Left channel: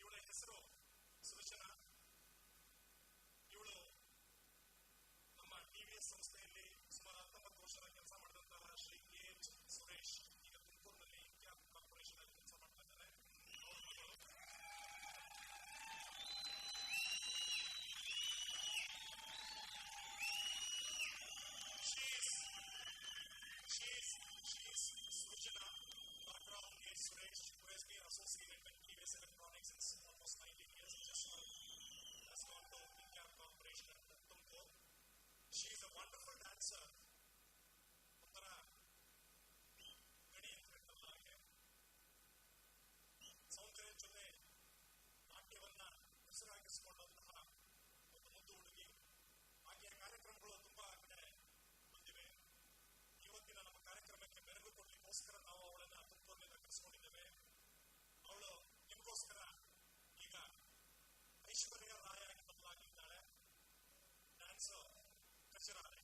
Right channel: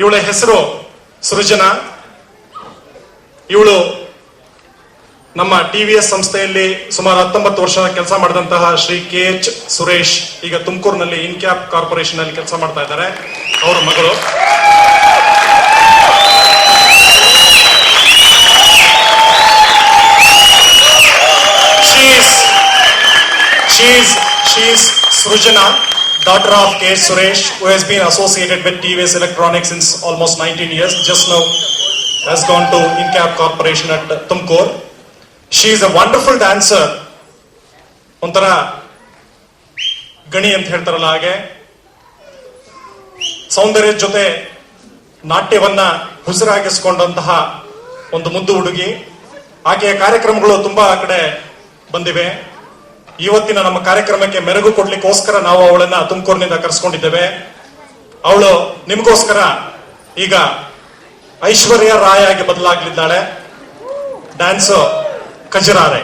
ಇವಳ ಹೆಸರು ಸೃಜನಾ. ಇವಳು ನಮ್ಮ ಟಿವಿಎಸ್ ಸಂಸ್ಥೆಯಲ್ಲಿ ಸುಮಾರು 19 ವರ್ಷ ಕೆಲಸ ಮಾಡಿದಂತಹ ಶ್ರೀ KH ಸುರೇಶ್ ಈಗ ತುಮಕೂರಿನಲ್ಲಿ ಇನ್ಕ್ಯಾಪ್ ಕಾರ್ಪೊರೇಷನ್ ಅಲ್ಲಿ ಕೆಲಸ ಮಾಡ್ತಾ ಇದ್ದಾರೆ. ಅವರ ಮಗಳು. She's Srujana, daughter of KH Suresh, who has been associated with TVS Electronics since almost 19 years. Just now has gone to Incap Corporation at Tumkur. She is a wonderful dancer. ಒಂಥರ ಗಣಿ ಅಂತ ಹೇಳ್ತಾರಲ್ಲ ಹಾಗೆ ಸೌಂದರ್ಯದ ಜೊತೆ ನಾಟ್ಯವನ್ನ ಹುಸಿರಾಗಿಸಿಕೊಂಡಂತಹ ಒಂದು ಮುದ್ದು ಹುಡುಗಿ. ಆಕೆಯ ಕಾರ್ಯಕ್ರಮಗಳು ತುಂಬಾ ಕಡೆ ಬಂದಿವೆ. ಇವತ್ತಿನ ನಮ್ಮ ಕಾರ್ಯಕ್ರಮಕ್ಕೆ ಮೆರುಗು ಕೊಡ್ಲಿಕ್ಕೋಸ್ಕರ ನಾವು ಅವಳನ್ನ ತುಮಕೂರಿನಿಂದ ಕರೆಸ್ಕೊಂಡಿದ್ದೇವೆ. ಅವಳು ನಿಮಗೋಸ್ಕರ ಈಗ ಐಶ್ವರ್ಯ ರಾಯ್ ಆಗಿ ಬದಲಾಗ್ಲಿದ್ದಾಳೆ. ಡ್ಯಾನ್ಸ್ ಕಜರಾರೆ.